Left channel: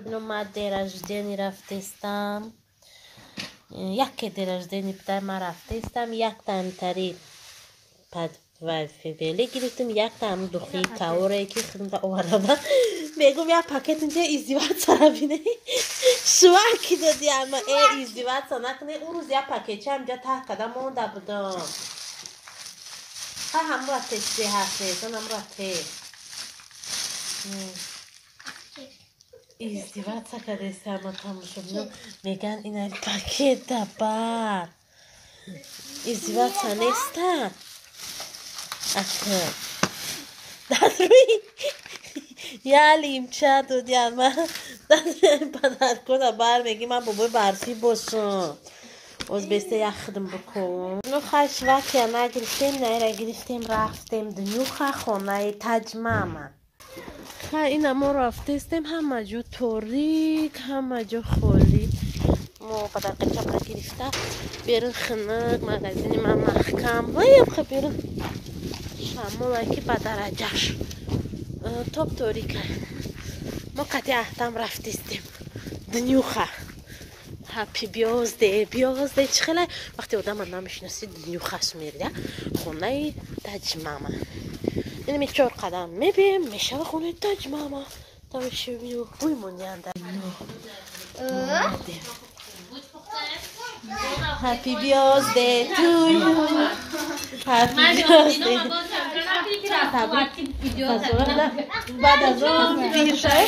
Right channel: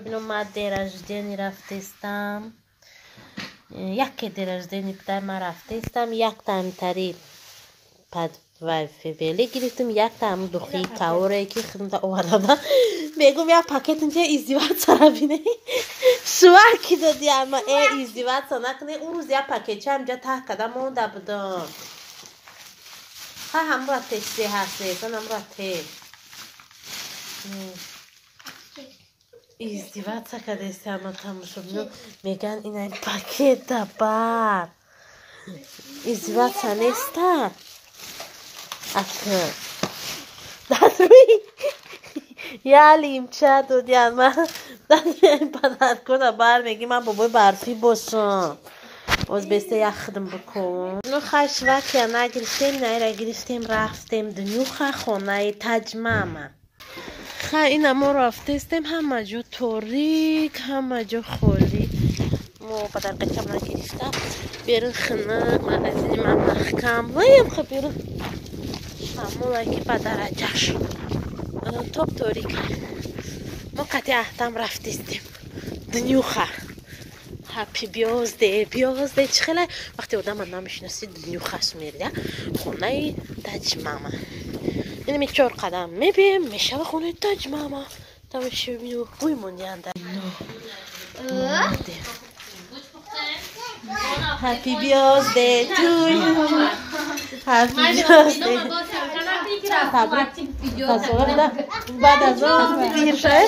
من دیر رجدینی رفتستم یک دیر رجدینی پدر من رفتستم یک تامتری پد ولی گرفتم یک تام دخی کاوره که خدمت آورده میگم یا پاکت اینجا ازدواج سر بینه شوکی دادی اما ازدواج سر نکنه اون روز یا پاکت همجا ته کدام مونده بودم هم را تشتی هسته هم را ته ازدواج سکده است اما تماشا میگن این پاکت دبر ازدواج سنسته اصلا دادوی یا لیمچه دودی اما دادوی پدر کنه بر میگی من بابای برفی باشم از بسته یک خدم بکن نو خش وکی نگرفتیم نیره گرفتیم رفتیم دنیو خونه تجمعه این ما رفتستیم همه جا تاریک همه جا خالی ما پدر قطعه نگرفته بیرون خنه مغازینی من محکم ویم خب بیرون مولا که پدر عجش توب تاریک ما قطعه احتم رفتستیم دنیوخه هپی بیازده چه خیلی وقتی آدم من نمیشناسی دنیوخه است میرده خونه تجمعه این می 4 قدم میبیم میشه و خونه تجمعه تا میشه ببینیم بوی مونیانده هپی بیازده تو یو هپی بیازده بعد از اون بیرشای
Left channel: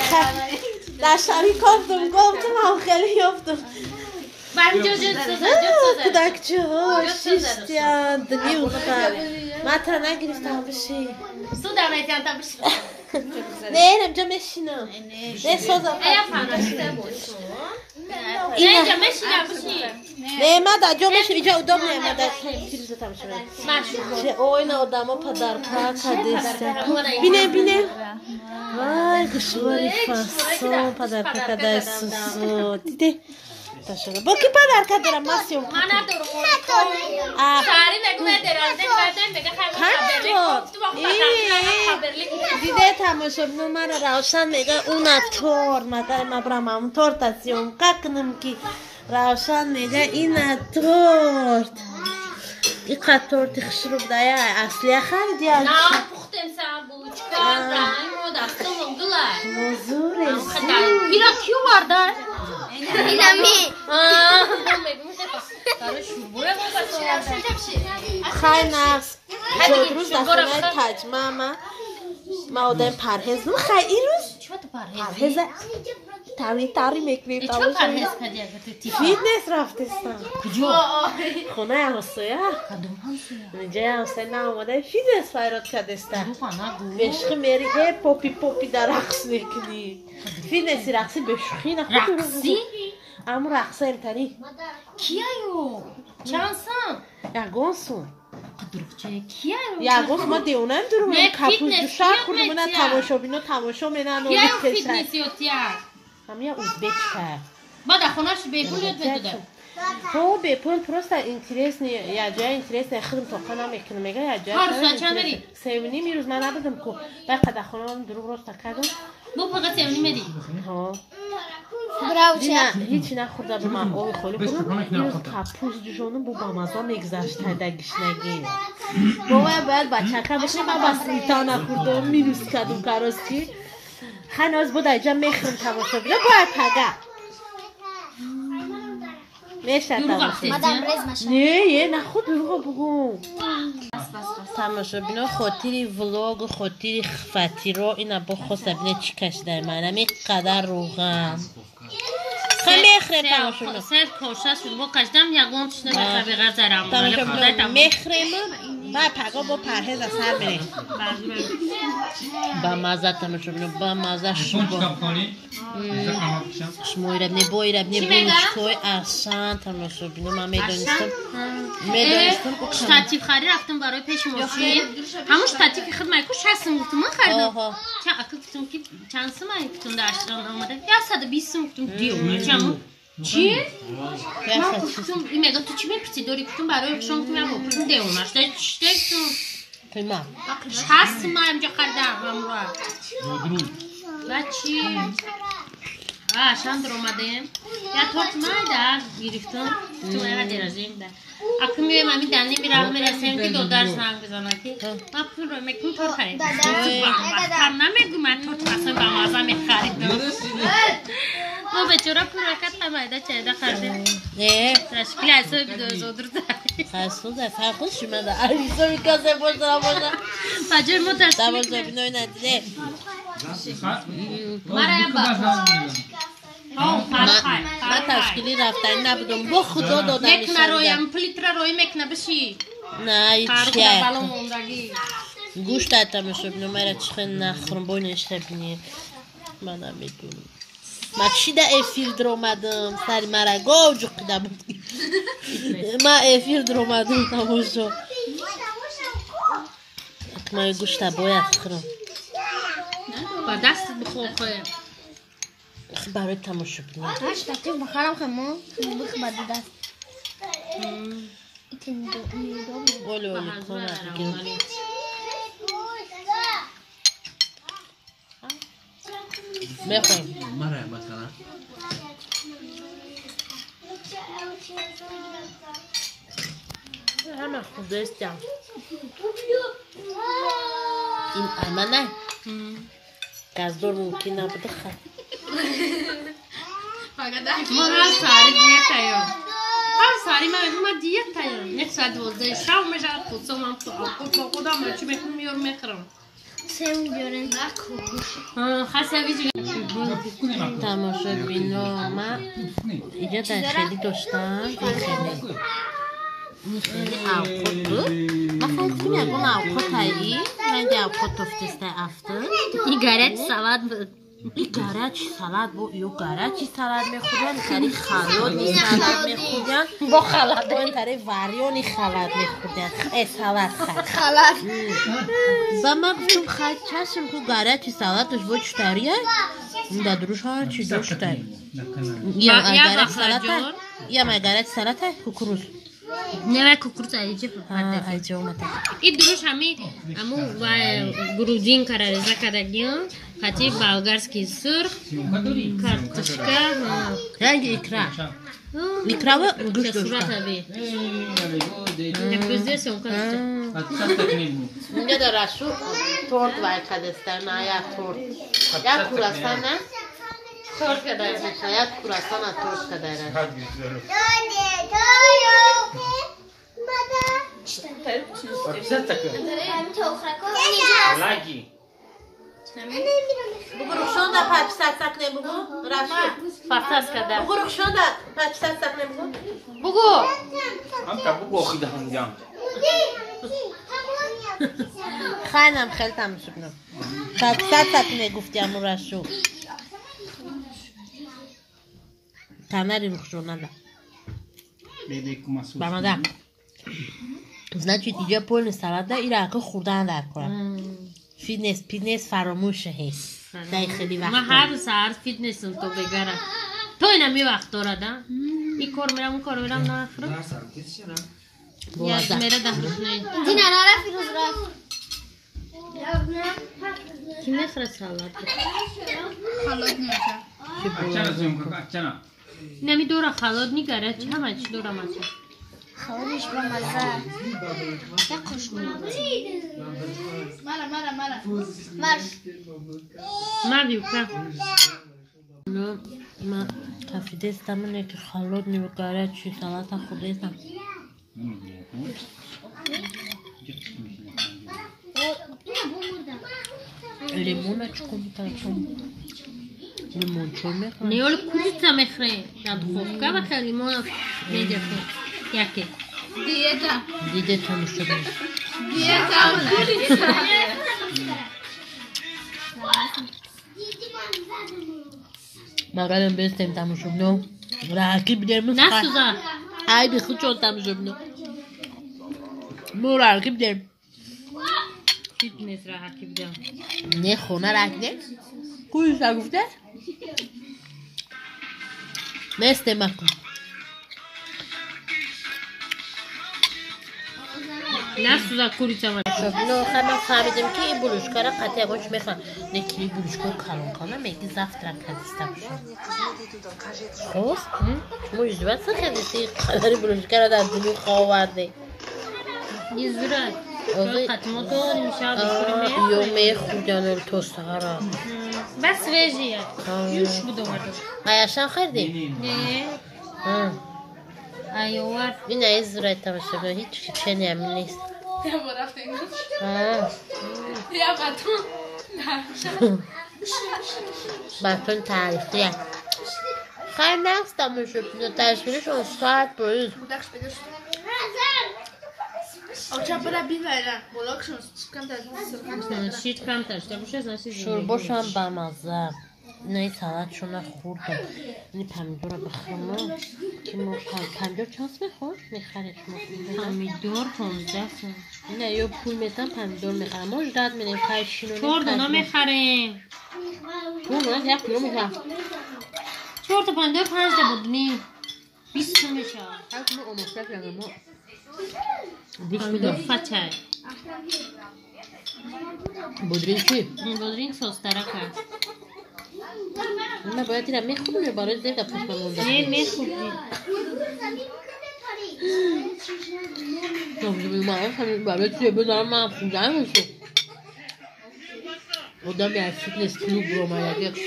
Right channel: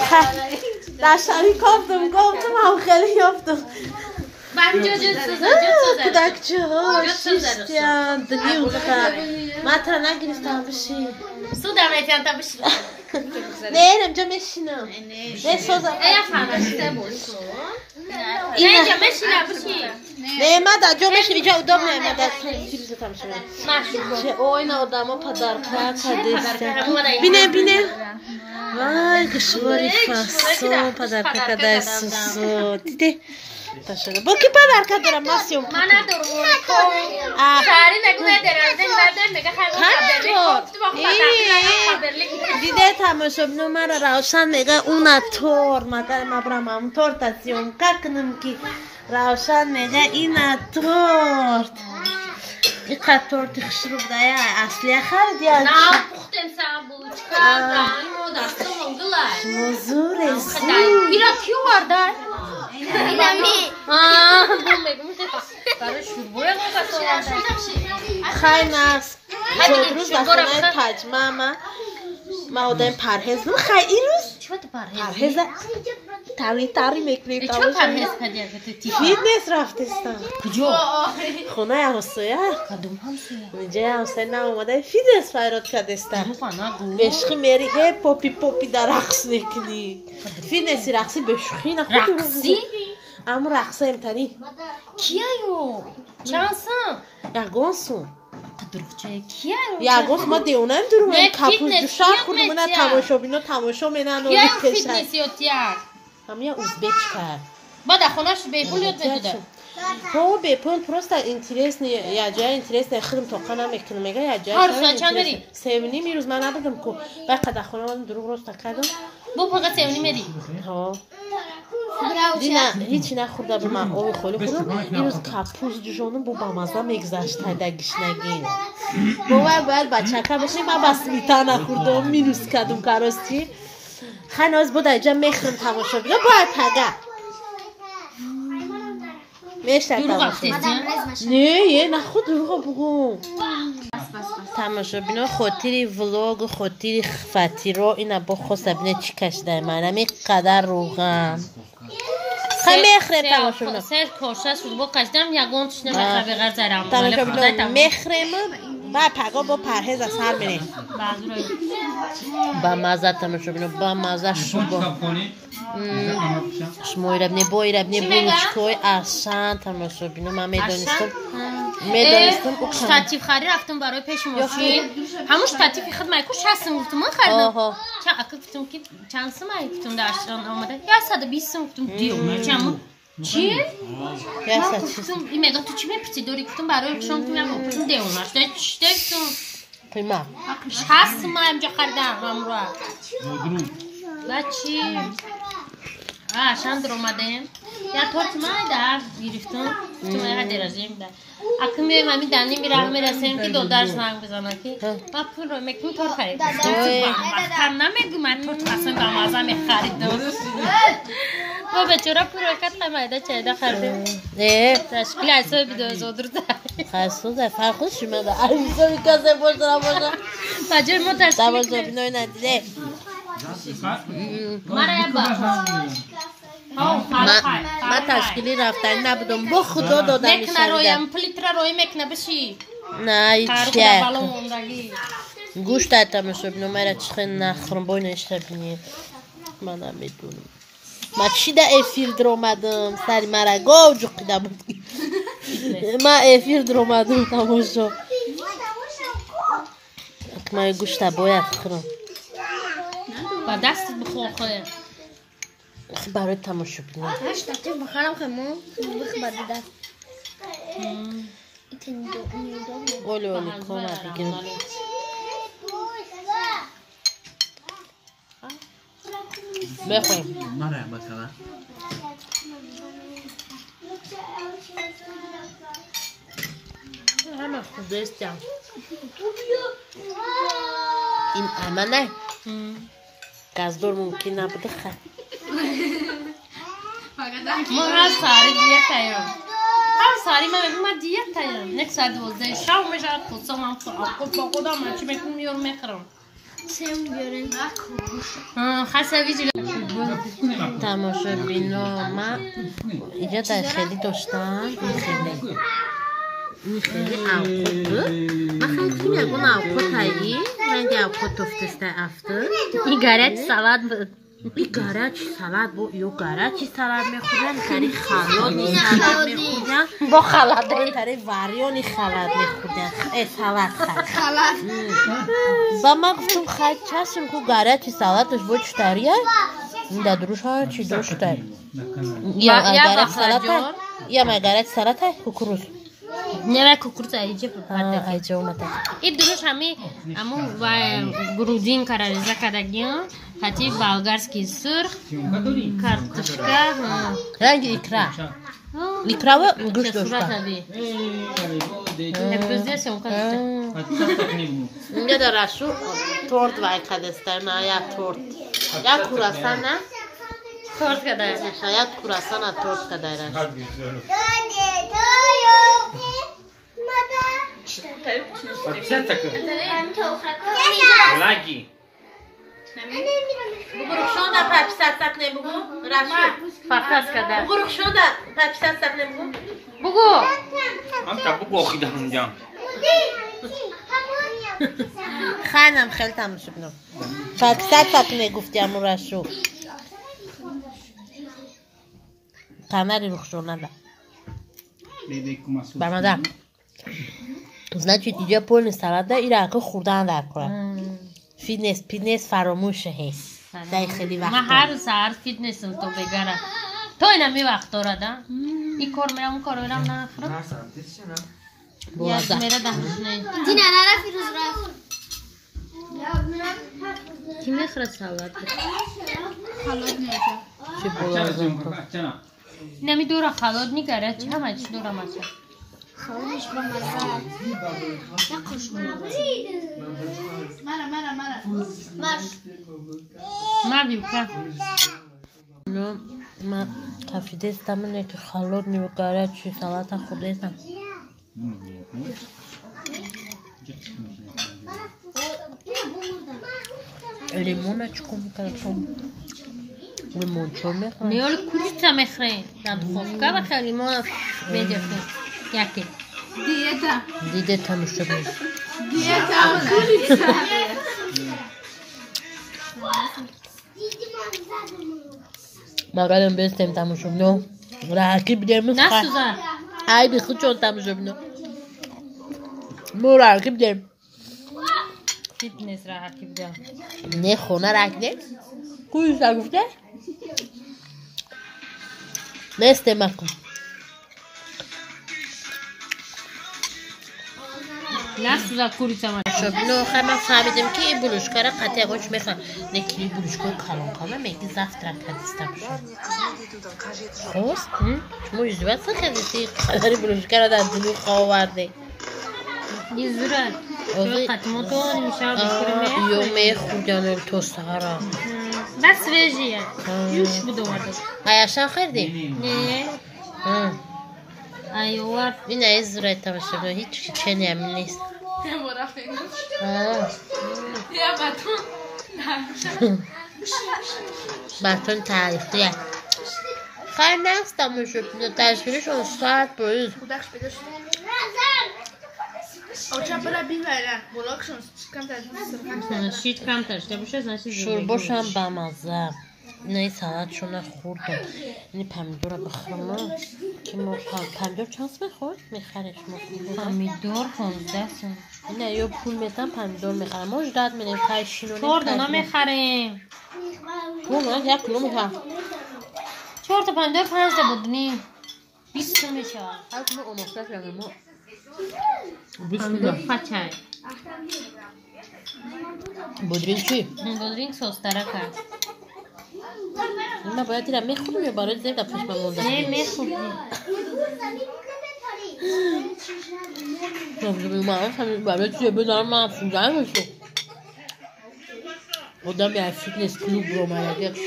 داشتانی گفتم هم خیلی یافتم کودکچه ها شیشتیان دنیوخه ما تا نگرفتم بشی سودا میتونم تا بشی نه اینجا میشینم نه سوزم اینجا میشینم بشی نه ما دا جا میشینم اینجا ادام نه ما دا چی روزه تمشون چه اوین آدم ها پدر پاک دسته بینه وای گشواری فاسون پدر پاک دستو دیده تاشده با کی پدر که دارم ماسیوم من ندارم ساری نگو ندارم دیده تماشا بینو مرا روشن میگه اون تور مگر مبرم همون تور تسیوم کنم که روشن میگه این تورت این قد تورتی خشرو بوده یا اصلی خریدی نه پختن سابو چکار بران مودستم مونگلای موزور خدای اینا کیو وارده اینمی خیلی نفس روز دستانه تجمعه ما آدم پرهز خیلی این روز پرهز تاری میکنی چه پرهز کردی فیتنس رفتستم کجا؟ خونه همسایه اینجا همسایه نامده فیتنس فایرات کردستم بشخی میری هی پوپی در رقص نکنی فیتنسی رقصی بشخی نخود رقصی؟ اما رقصه امتنی کیایو؟ چانسان؟ یگانسون کیایو؟ یگانس ما دیونم درومه کپوز دو شهر خودمونه تماشا بینو تماشا منن کیایو فیتنسی اوتیار؟ همه اوزبک کرد با در خونهش بیپول یاد بده تو بیپول پروستا اینترس نی یا جای اینترس خودم تو خانم میکنم میگه یا جای هر چند بری سیونی میروز من نبودم کو بعد در خونه من دروغ راست کردم بو فقط سیونی میری ها نه هیچی نخورده به من آب خالی خودم میروز کپوز جوشونم بو بامازه میگذشت دگیش نگیره باید بچه که بشیم من بس میتا نخوردم میروز کردم کراستی خناز بود اینجا میخرم تماشا بیدم باید پگه میشتر تماشا نه خود دروغا بگو تماشا بینا خاطری ولاگ خاطری خفتی را اینا با خواسته بینه چی کشده من همی قدر روغم خیلی میخرم تماشا بینا سر کارشه شد با کشدم یگون تشنه بخواه بغیر زرم تماشا بینا میخرم با پگا با پرهز از سر بینه با مزه تماشا بینا با مزه شبا شما ایربنی با ایربنی بروشکوی اصلا تماشا بینا من میدانستم شتاتیف خری رفتم برای پیش ماشین همون شتاتیفی خود مایکو 60 گفتم من خریدم چند اکل گفتم که چند سمایی گفتم داشتم آمده یا 120 گفتم دیو چمون چی؟ گفتم این میگم تو چی میپیچی دوری گفتم برای شما گفتم یا گفتم دیو ماشته چی گفتم قیمه 60 ما اینجا خریدم همراه و چی؟ شام درآمدیم. یا تورت مایدار گرفتم. تو نداریم ده. اکنون مامی دانی میرم میرسیم که دو درس نام بزنم که. ما پول رو میکنیم تورت خرید. هم نمیگم من تورت اصلا با مازه میخریدم. ما به چرا پول وقت نمیده چه ده خرده. نه. تشکیل اصلا بیدای زودر ده. خاصه فرقش میده. عیسی میکاسه باشه باشه. فجر ما تشکیل. دوازده بینای ندیده. من تشکیلی رفتنی نبودم با خدا دادم میکنه رویم پلیتر روی میکنه بشی نه هیچی گوشت ایتم شد نمره چخه نخورم باید نشته بینی من نمیدونم من چی ده افیر در اومدم سری مرا گاو جقیده بود من افیر در اومدم تماشا من گوشت باید خورم با دست بخور خواه برای تماشا بینیم هاش دقیق بخورم خمون بخمد دست ایتین دو اولی کمک بگیرم بخورم مرحبا بکنم همه خوده استیم این امنه گازدور ممکن نبوده خیلی ما هر ساری دیگه تایم هر ساری من دیگه تایم نه ساعت 12 شب میشه خودم هم خودم من چی میکنم میارم میخورم سیم بیاریم خاصه ویژه تماشا بینو من اینجا در خیلی داشتم این خیلی اوقات بود من خیلی خیلی میگم اوقات هایی رنگ اوقات تفتسته افتر این گرچ سالاد بود این گرچ سالاد بود یو گرچی سالاد میخوردن تری خلادی سالاد میخوردن با خلاد این تری واریونی خلاد میخوردن سالاد خلاص و من گفتم خیلی چشم که گرچی سالادش بود چطوریه این در دروش ها چی داشته یا گرچ سالاد یا گرچ سالاد کوکروز نه کوکروز ایجه ها ایجه اومده این دروش همی امو گروزین کارریزه کردیم خاطی بالگارسکی سرخ کارتشکا رنگ ایکرا ایکرا و گوش داشته اینجا در رشو تورت وای کدستر نه یا تورت یا کوراسان نه تورت کدای یا کوراسان نه تورت کدای رشو بگو رخشان در پچ سرسک نبگو رشو فقط کدای بگو رخشان در پچ سرسک نبگو بگو من کبو باخیده همونجا خیلی خیلی تماشا بینم پچ سرسک نگفتی همون رشو تنری رخشان نده برمادم значит اینجا پول سالاد ایران که خوردن در کنن فیتنس فراموشه هست در خیلی وقت من هر ساعت فیتنسم تو بگرم تو اینا می وقت دارد این کار میرم اون کار میرم نخورم بوازه میره ده نه دینا نرا فیروز رفت کی میخوره سالاد خلاص نمیشه چه بوازه نمی دورا خالاد نیگره چه همه چی دورا مچه خلاصش برام مزه نکش مرا مرش مردی بکن نه من تفیده استمونه که خالاد نیوگاره چی سالات خورده استم لیمون چکو میکنم لیمون چور میکنم نیول کولیتا میخره در خوفکا بخیر لیمون میده یکی دیده تماشا بینم مقالم بستیم تماشا بینم راکی بیدیم نه سوزان ای بی خود چون تماشا بینم مو راکی بیدیم فیتنس را حکی بدم نه خونه راکی دیم کویش را گفته بستیم مکن نه سوزن کوریچه من شب اینو من فهمیدم که این بلوشکا را قطعه خوش میخواد نکلی بلوشکا کلان کنم میگی زفت را کدیستم خوست؟ شما یجوبت سخیدیسی قدری بلوشکا را در دلو خواه ورده یه زورت قطمه تو میشه یو میخوردن التوسته ها را بس ویجیه یوش بود اومده هایشان خیردی؟ نه ایوار این از زورت تماشه بنا هیچ چنی همین نیست بطون تاریخیه خیلی نست تماشه بنا تصویرش اون ساعت باید شورباش هم بمزه اینه سلطشون خوردم اینه پمیدور رو بخرم که ما پمیدور چانس بخور میخرش ما پمیدور 15 سن اینه یا پول میتن پمیدور میخرم ما جداد میدیم خیشینو چهار دونا میخریم پول نه یک کلو میخرم 4 تا پمیدور 5 تا بودنی 20 تا میشه هر کلو اماکت یعنی ما پمیدور فچه بودرین چی؟ بودرین سوستره کرد من باید دیرم میخورم یا برای زیر دفعش من مونده نه میخورم من برای چیه بدارم من افزودن بشو آدم یه فیتنس کلوب رو من یکی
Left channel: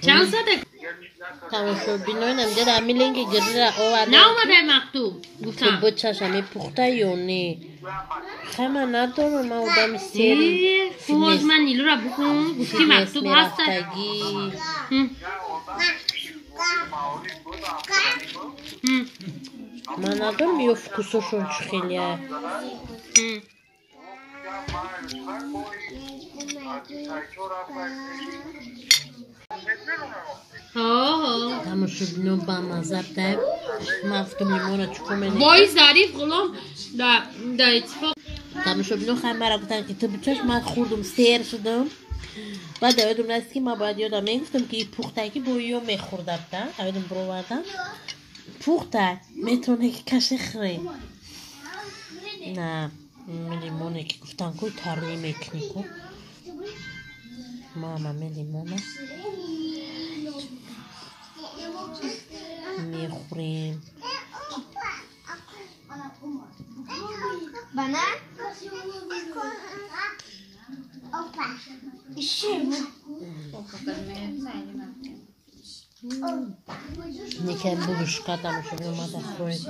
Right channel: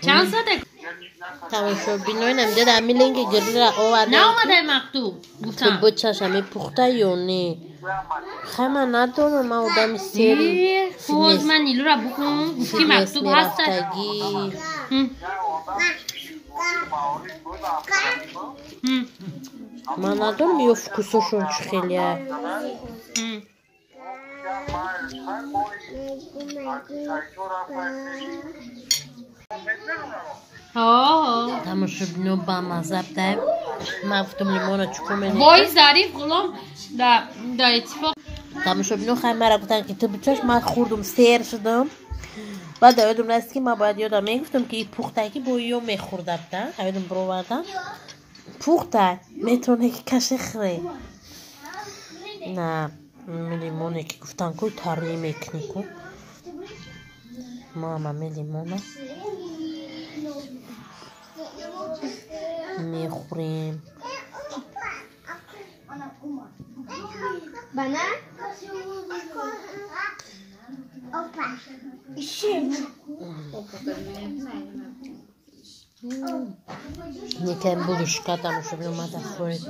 چند ساده تماشا بینای نمیده در همین لنگ گری را آورده نه اومده مکتوب که بچهش همه پخته یا نه خیلی من ندارم من آدم سری فوز من نیلو را بکن گفتی مکتوب هست من ندارم یا فکوساشون چه خیلیه تماشا بینو با مذب دایم مفتم لیمون رو چکو منی وای ظریف غلام دا اتفاق تماشا بینو خیلی مرا گفتن که تو بچهش من خوردم سیر شدم بعد یادم رست که من باید یادم میگفتم که این پختگی با یو میخوردم ده یادم برو بردم پخته میتونه که کشه خره نه لیمونه که گفتن که تاری میکنی کن ما هم لیمونه میخوریم بنا یکم بلوشکا تماشا اومده خورد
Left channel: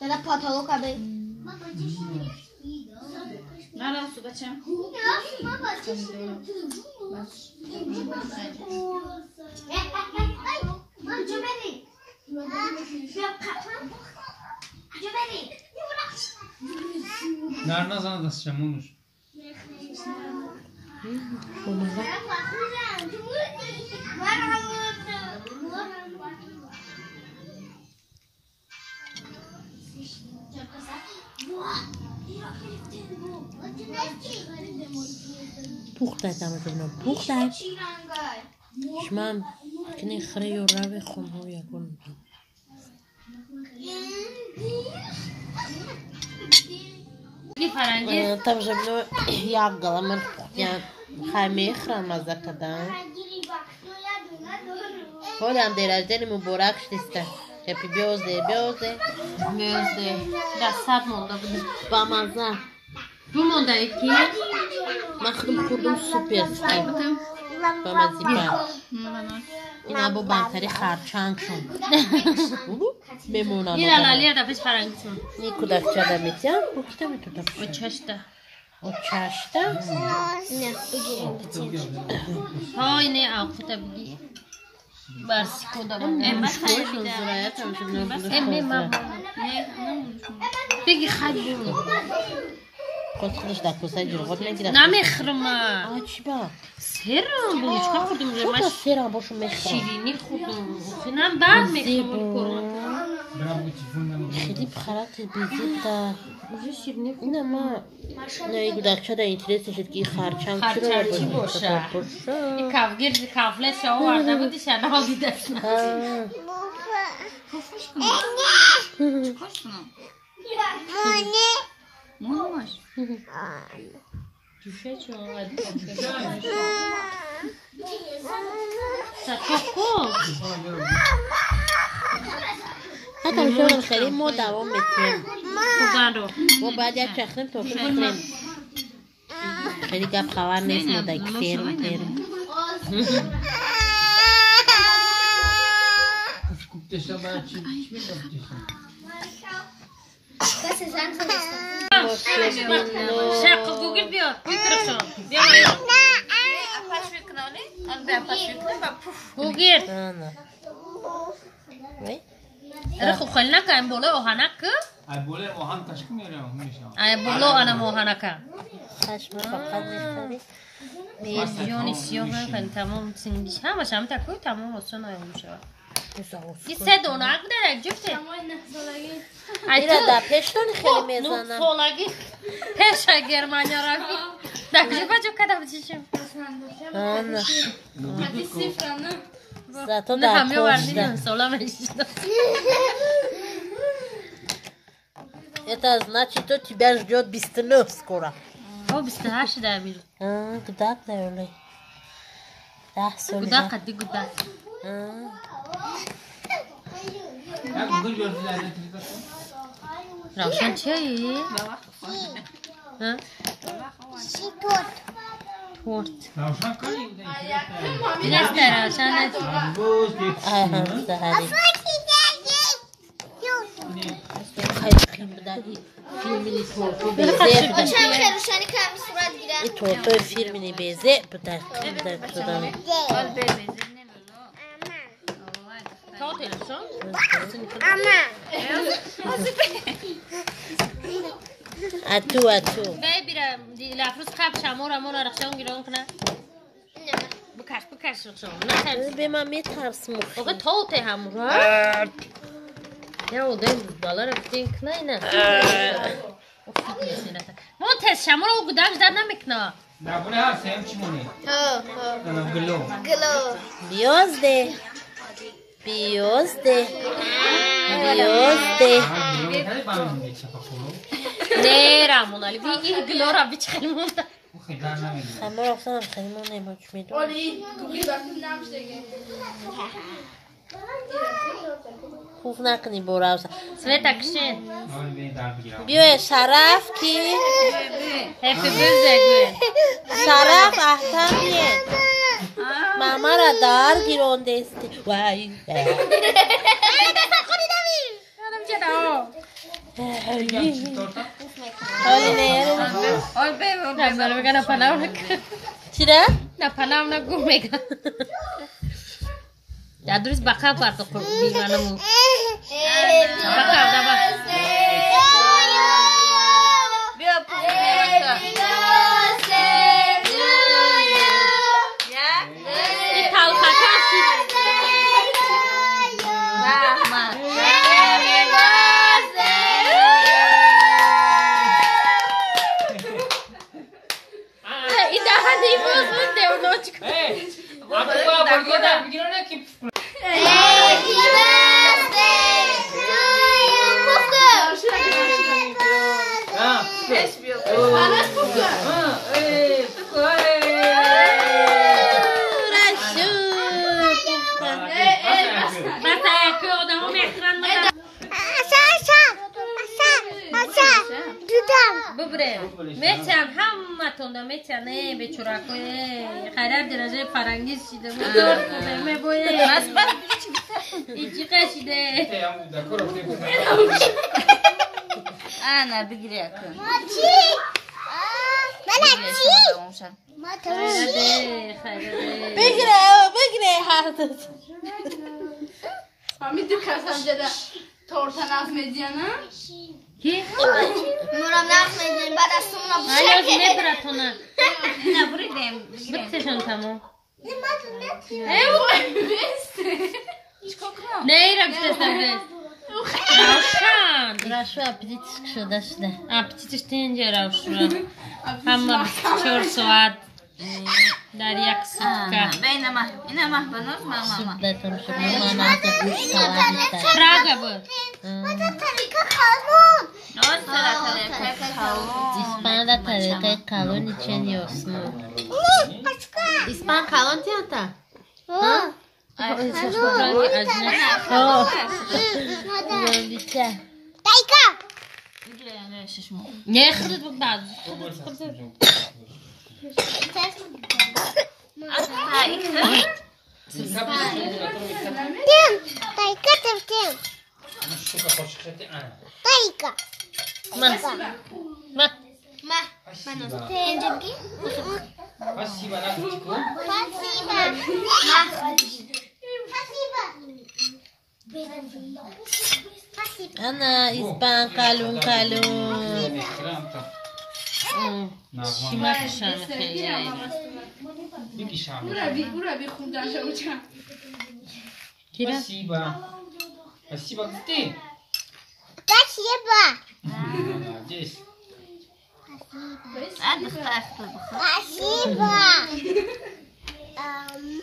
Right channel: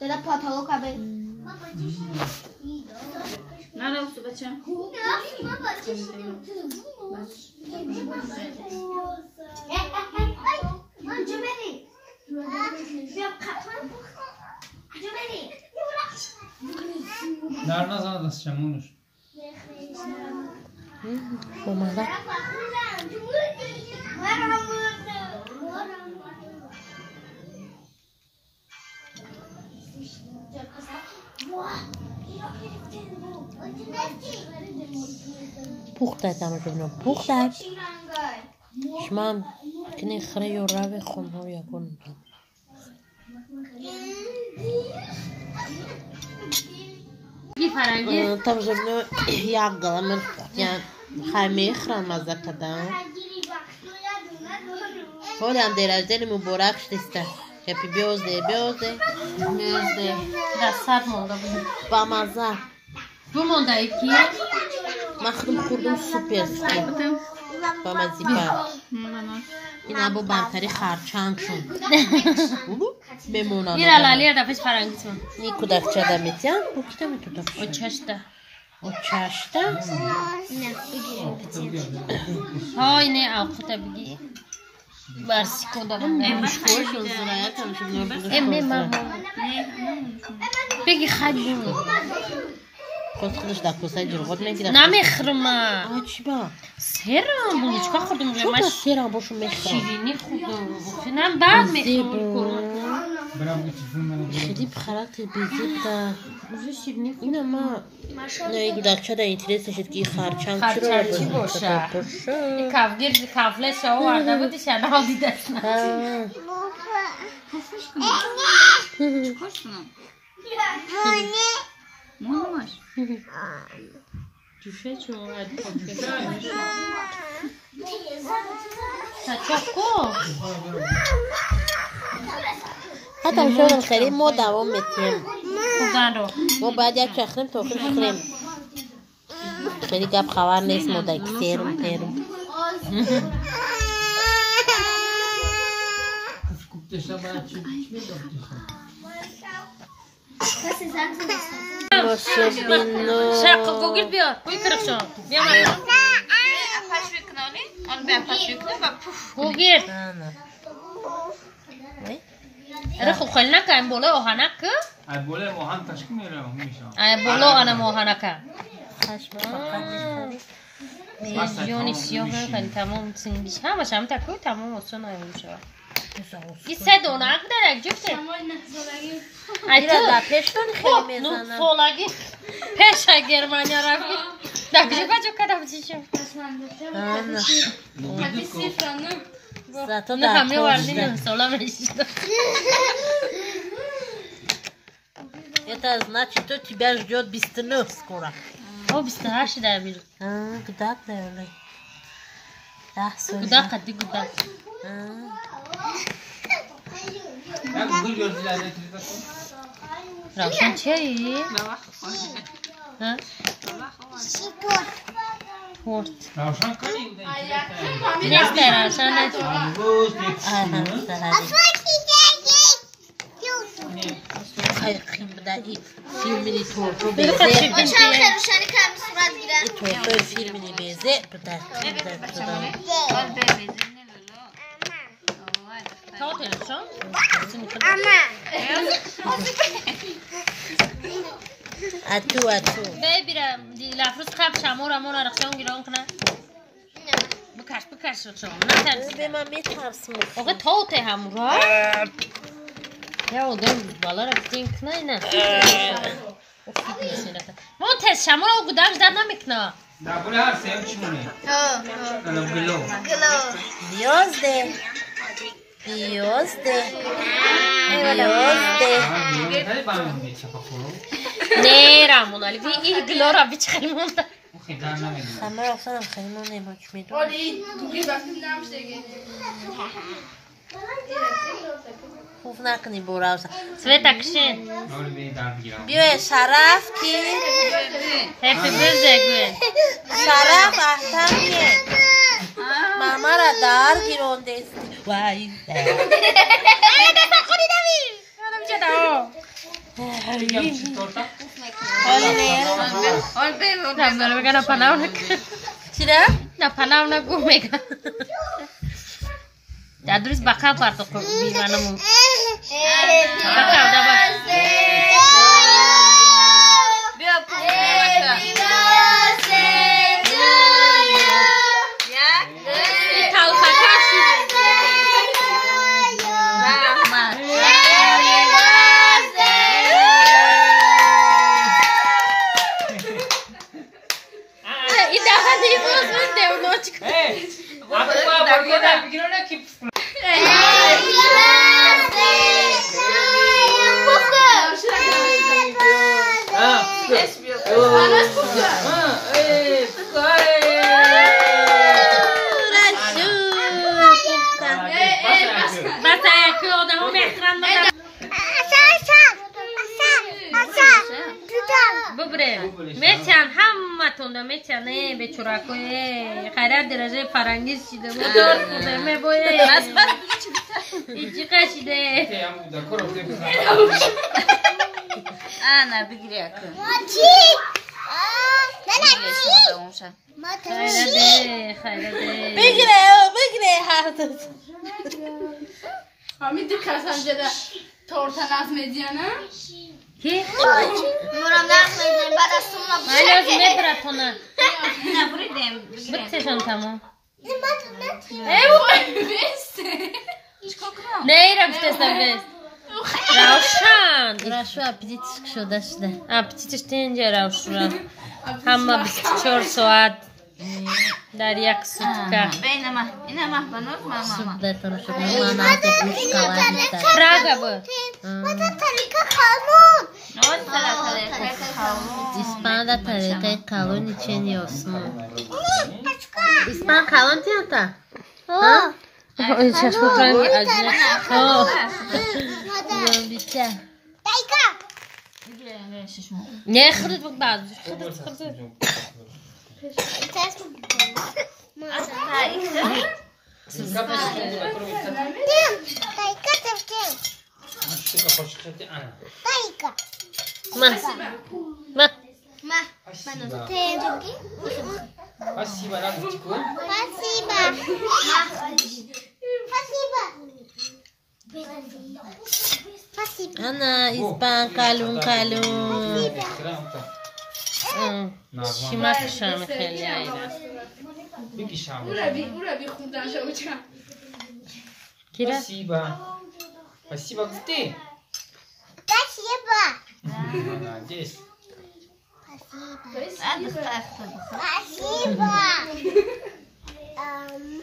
Dada patago kabe. نه سو بچه نر نزن دست چمونش اومده پخته تماشا بینم پخته شما کنی خره یا روی خونها یکون تماشا بینم یک گلم من پختیان خیلی خرم مزده کدام حالی هم دیرش دلی مبارک شدیسته هپی بیازده دستت مونده بود با مزه دو مونده ایکی من خودم خوردم سوپرسکی با مزی بر این ابو بنتری خرچنگ شد بمونم این الالی دفعش فرنگیتون نی کودک چه دمیتیم بکیده میتونم او چشته او چشته های نه اوقتا بگی برسی کدام امروز کوش و زرایت هم شد امه ماما بگی خیلی بود خودش در کوسه جلغات میگیرم نمیخرم آه چی با؟ سرم بلوچکا خوردم چون تا سرم باشو میخرم شیرینی خوردم خیلی بعد میخرم خیلی بخرات بیزید در شیرینی اینه ما نه این گودکچه در اینترست شد که خرچنگ چی رو خرچنگ باشه این کفگیر کفلش ها ورده بودی شده ها دیدش Çıkmışsın. Ne olmuş? Düşe çok hadi. Çok cool. حتی شغل خیلی ما دوام میتونیم خوبه ما باید یک چخریم تا خیلی کنیم خیلی گپ خبر نیست ما دیگه فیرم Desen bana çim desen. کسی زنگ زده شق گوگل بیا میترکشم بیا Apaş bir kanalı. Onu bir apaş yükle bak. گوگل نه آره خب خیلی نکن بالا آهنک Ay böyle ohan taşkı mı öyle olmuşsa? بالا آنم آهنک خشم فقط میخوری میزیونی سیاه خیلی تمام سین بیش همش هم تکوی تمام اصلا نمیشه یه سه دونه اگه درک جفته ایرا در پشتون خیلی میزنم فولگی پیش گرمانیا روی دکجی بچه کدام چیشم آنه Hadi sifranı. زتا نه در همه وردی پشتون نمیسالا میشیدم Это значит, что тебя ждет 29 скоро. او 28 در بیرون Гудак, наверное. 10 سال. گودک قدی گودک Ya Google gördüler ne trik atın? روشن چیه؟ ها؟ خورد Ravşan kanı bu da نیست روشن نشد Boz diye Aha, sahari. Hayır, bu da iyi. Filmini tortu beze. چند خیروشانی کم صورت گیرن Tortu filmini beze. Bu da. Al bebeğini lolo. تا تلویزیون Atu. بیرم لفروز خب شما را من رخشان گیران کنه بکش رخشان نه ترسی به من میترسم. آقا تا ته همون را یا او دیم بالا را بتیم کنه نه ما تست شما را گودم زد نمیکنه Ya bu ne her sevim çimoni? Glo. Biozde. Hadi bana mı geçe bakalım? نه رامون علی بی این گلو را بیچ خیلی مونده Bu kadar ne verir? Ama baksana خیلی من نمیش میدونم. خوب نکنی برو سویت اکشن Öyle bir darbe girer. بیای شرف کی هپی برزگوی شرف احتمیه ماما را دار گیرونده استی وای Yapsın torta. Al bebeğini. نه برای بگه نپناو نکن چرا؟ نپناو نگو میگه دادریز بقا پارتو بیمانمون بقا دابا Bir apaş. تاو خاکاسی Rahmat. این دهانی باز من دیونو چکن Hey! Aklıma barkoda bir gün öyle ki. Ha. بس ایکی آدمو مهتران ندارم ببره میتن همه تونده میتنه به چراکوی خیرت درجه فرنگیز شده مدار بوده میبوی ایچی قشیده Ana bir giriyor. خیرده بگیره هر دو Hamid Kasanca'da torta nazmediyana. کی؟ نورم نخ میدیم بعد از تو اونم من لازم میبره تونه Ne buradayım? بکتشم تمام Kokma. نه ایرم بتستم بست روشن رشوه اپیدیتش شده شده اپتیتش تینجه روشن همه 24 ساعت در یک سوپکه بین ما اینا محبنوز ماما سوپ دادم شد نمانات گوش کلا بیشتر پراگا بود نوز طریقه کالون İspan da طریقه kalon için yiyorsun. İspan kalon diyor da. Ha? Şaş bakalım ki acı. Ha. Ben bitti. Ne xırd bu bazı? Ana İspan kalon kalon. Şima kışamı خیلی بکشم Kira? Спасибо گفتی؟ Здесь.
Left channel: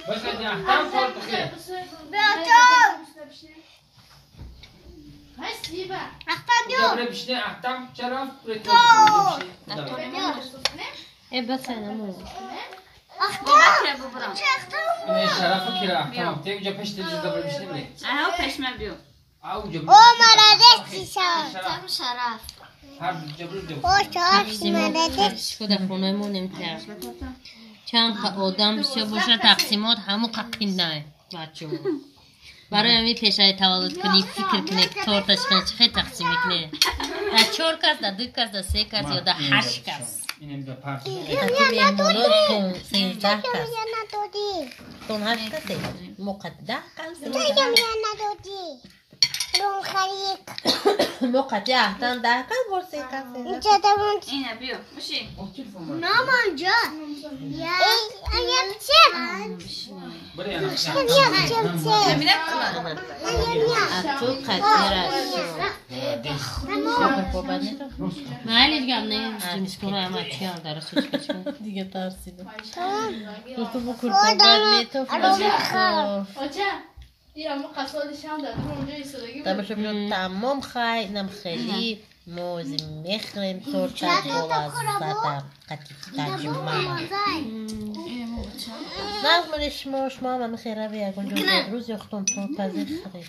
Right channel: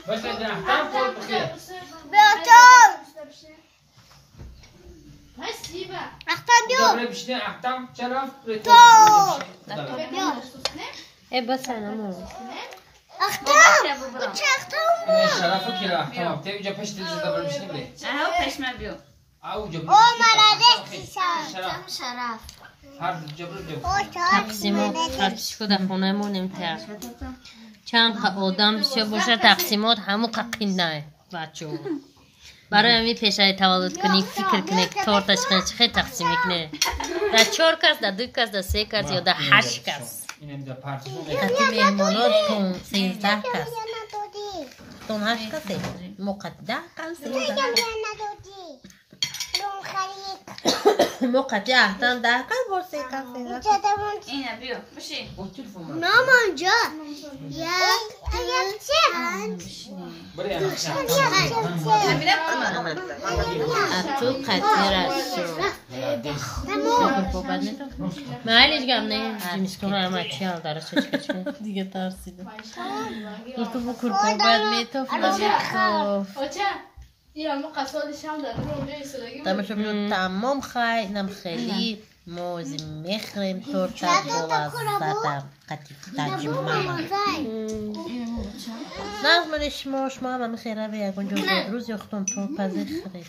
باشه احترام خورد بخیر Добре бишне ахтам чараф прето بس انا مو اینه شرافو کیرا احتام تیو جا پشت دیز добре بشنه بله اهو پشمر بیو او جبر شرف هر جبر دیو تقسیمات شده خونمونیم کرد چند آدم بسیار باشه تقسیمات همو قپینده بچه ها برای همی پیشای تولد کنی فکر کنی که تورتش خیلی تقسیم کنی در 4 کس در 2 کس در 3 کس یا در 8 کس اینم در پارتیشن حتی مهمانات تون 13 کس تون 8 کسی مقدر کن 13 مقدر احتم 10 کس بر 3 کس اینا بیو بشی مامان جان بله انا اتو قطیر هستو بکر پوبت نیتو معلیش گم نه جیمستون همه چی هم داره چه دیگه ترسیدم تو بکر پوبت نیتو فلمیتو تماشا بینو تمام خیلی نم خیلی موزی میخریم تورتا بولازدم قطیف تجمعم نظمن شما هم میخیره و یکون جو روز یختون تورتا زخری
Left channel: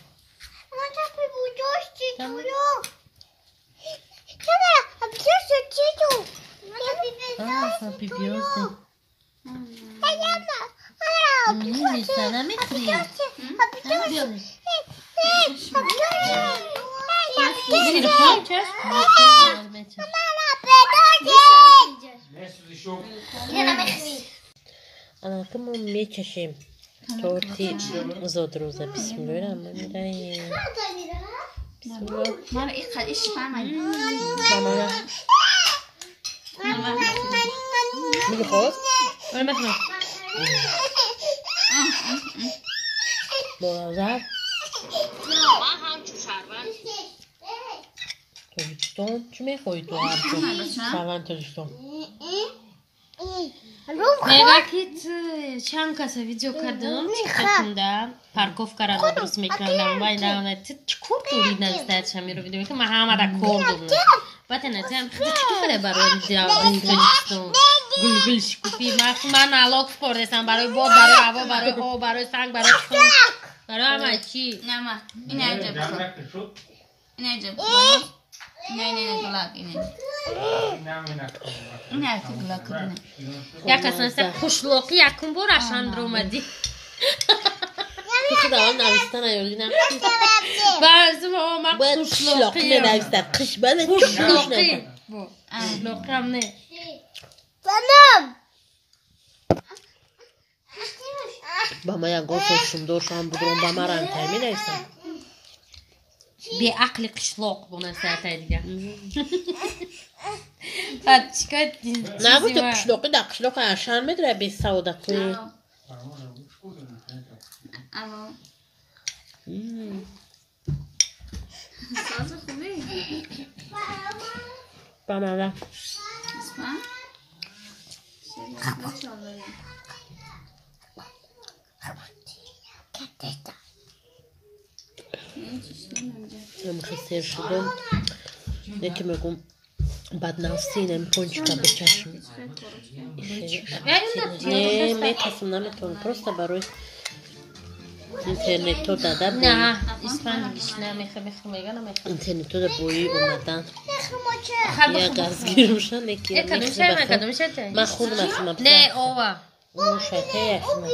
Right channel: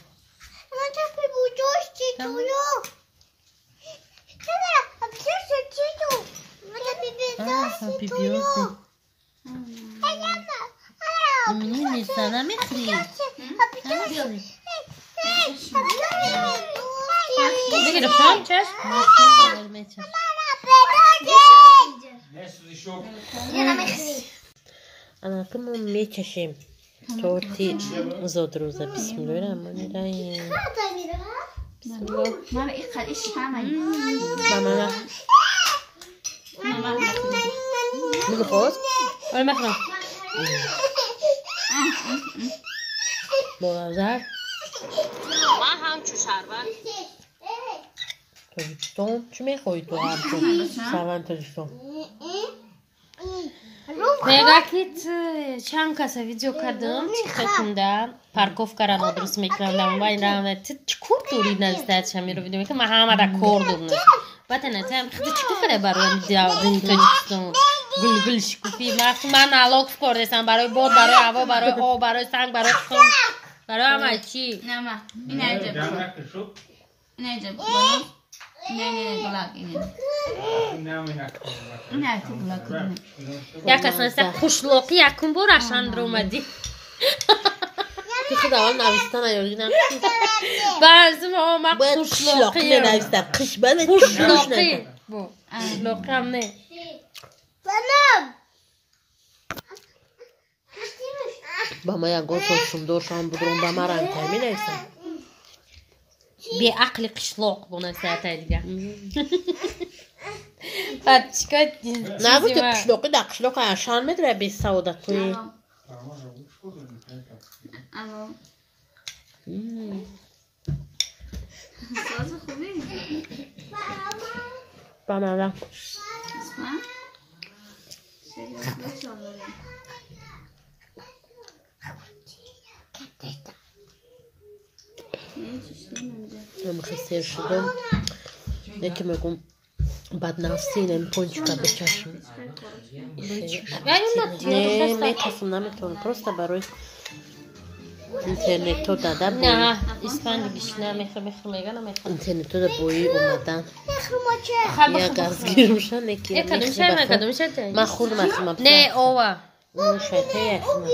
بیبیوزی ایمینی نیستن نمیخری بگیر خواهم چشم انا كمان میکشیم تورتی زود روزه بسم الله الرحمن الرحیم بسم الله ماما این قدیش فهمه ماما میگه خواست؟ آی مثلا بازار تاجیکستان چی میخوایی تو هم تو؟ سوان تاجیکستان نگاه کیت چند کسی ویدیو کردم چی خواهندم پارکوفکا را درست میکردم و این را چی کورد دورید نزدید شمی رو ویدیو میکنم من همه را کوردم وقتی نتیم خیلی چی کنه برای دین تاجیکستان گل شکوفی من علاق سپردستم برای باد برای هوا برای آب برای سنگ برای خون برای همه چی نه ما این عجب این عجب نه گلاک این عجب گلاک یک اصلا خوشلوقی یکم بار اشان اومدی تو خود اول نویستن ایالی نکشی برزم آمد باید خوشلوقی شلاقی نویسن قش بله خوشلوقی خوشلوقی هم نه با ما یک گفت سندور شام بودرون با ما رنگ ترمی نویسن بی عقل قشلوق بونن ساعتای دیگه بعد چیکار نگو تو قشلوقی در قشلوق اشان میدره بی سودا توی اما با من امروز سیر شدم یکی میگم بدنفسی اینم پونچکا بچشم نه میتونم نمیتونم پروستا برای اینترنتو داده بوی نه اسپانیش نه میگم اینترنتو دا بوی اومدن یا گازگیر میشن یکی میخوام من خود میخوام نه اوه اون شته یخم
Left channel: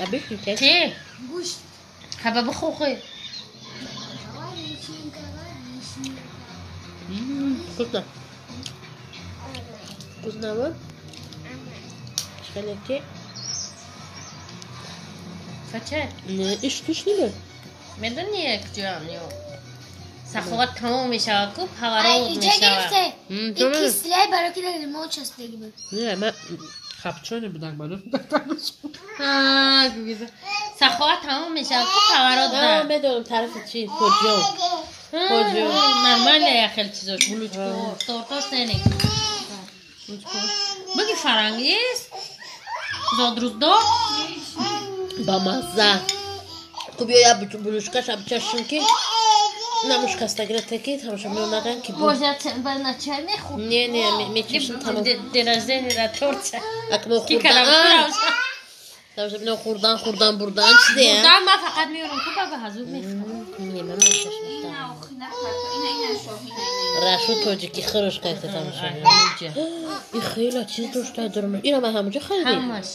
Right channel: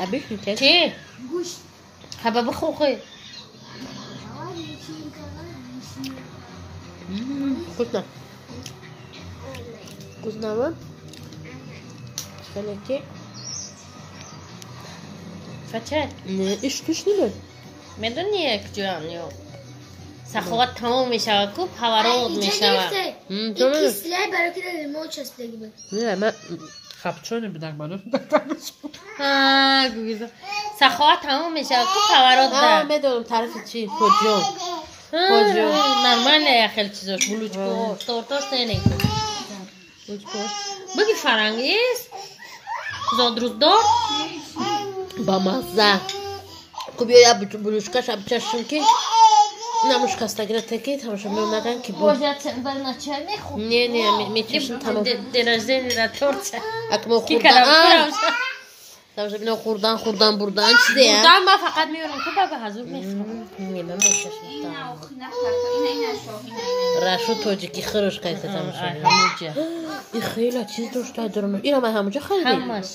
ابیش میشه چی؟ حباب خوخه کدنا کدنا من خلکی فچه نه ایش توش نیست میدونی یک جان یو سخوات تمام میشه کو پاورود میشه İkisiler baraki de moças de gibi. نه من خبچونه بدم بالا ها گویزا سخوات تمام میشه کو پاورود آه ده میدونم طرف چی پوجیون نرماله یا خیلی چیزاش بلوچکو تورتوس نه بگی فرنگیست زادروز دار با مزه خب یا بلوشکاش ابچشون که نموشکاستا گرفته که تماشا میومدن که باشه بنا چه میخوب نه میکشن تمام درازه نیره تورچه اکمو کی خوردن کلام تماشا بینو خوردن بردن چی دیگه دام ما فقط میورم تو بابا حضور میخوام نه من میکشم اینا راشو توجیکی خروش که تماشا این خیلی چیز دوشته دارم اینا من همونجا خریدیم همش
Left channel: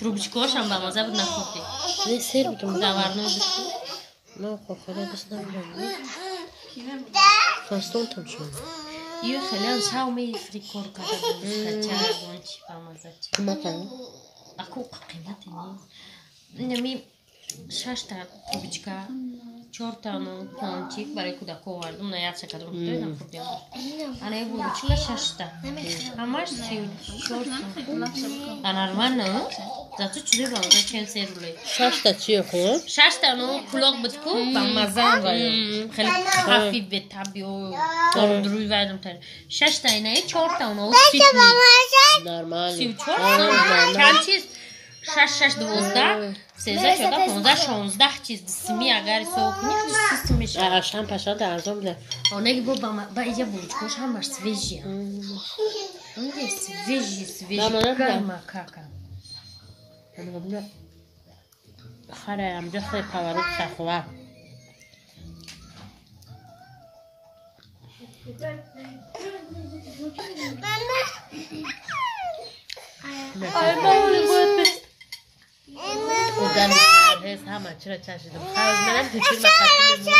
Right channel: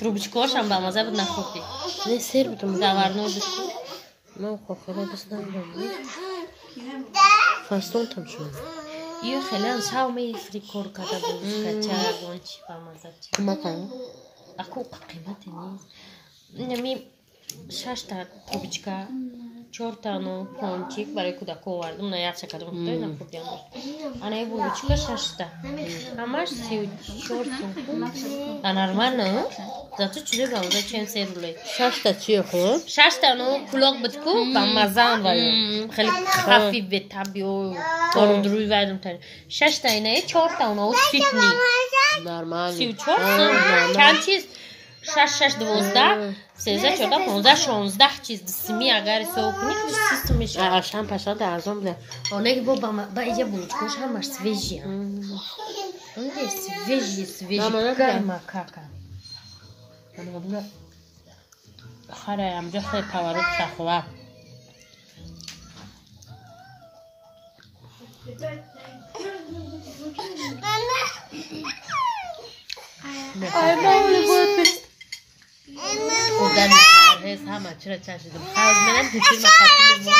تروبچکوش هم با مزه بود نخوردی نه سیر بودم داورنو بشی من خیلی دست نمیدم فاستون تماشا یه خیلی هم شاو می فریکور کده بود چه بونچی با مزه چی کمکن اكو قيمتي نمي شاشتا تروبچكا چورتانو پونچيك برای کودکو آوردم نه یک چقدر می‌دونم خوردیم انا یه بولوچکا شاشتا همش 34 انارمان نه زاتو چیزی باشه چند سروله شاشتا چیه خب شاشتا نو کلاق بتکو با مزان خیلی خفیف به تابیو دروی وایدم تر شاشتا اینه 4 تا اونو سیدنی نرمالی 34 چند چیز 6 12 13 14 15 16 چیز سمی اگر سو کنی سیستمش اشام پاشا ارزان بوده اونایی با یه بولچکوش همش سویجی اونجا سویجی گرما کاکا انا بقول خره ام جخ پاورو شخوا خودم هرهز همه چرا چشیدم خواهد منم پیشی مقاطی لیمون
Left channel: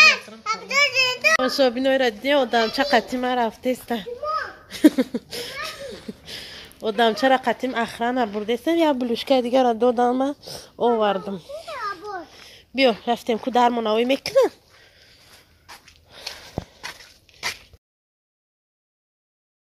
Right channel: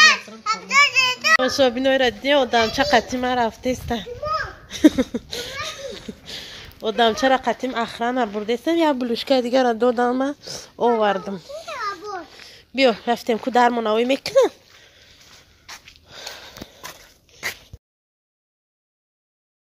نصرم شابینای را دیدیم آدم چه قطیم رفته استن آدم چرا قطیم اخران برده استن یا بلوشکه دیگر را دادم آوردم بیا رفتیم که در مناوی میکنم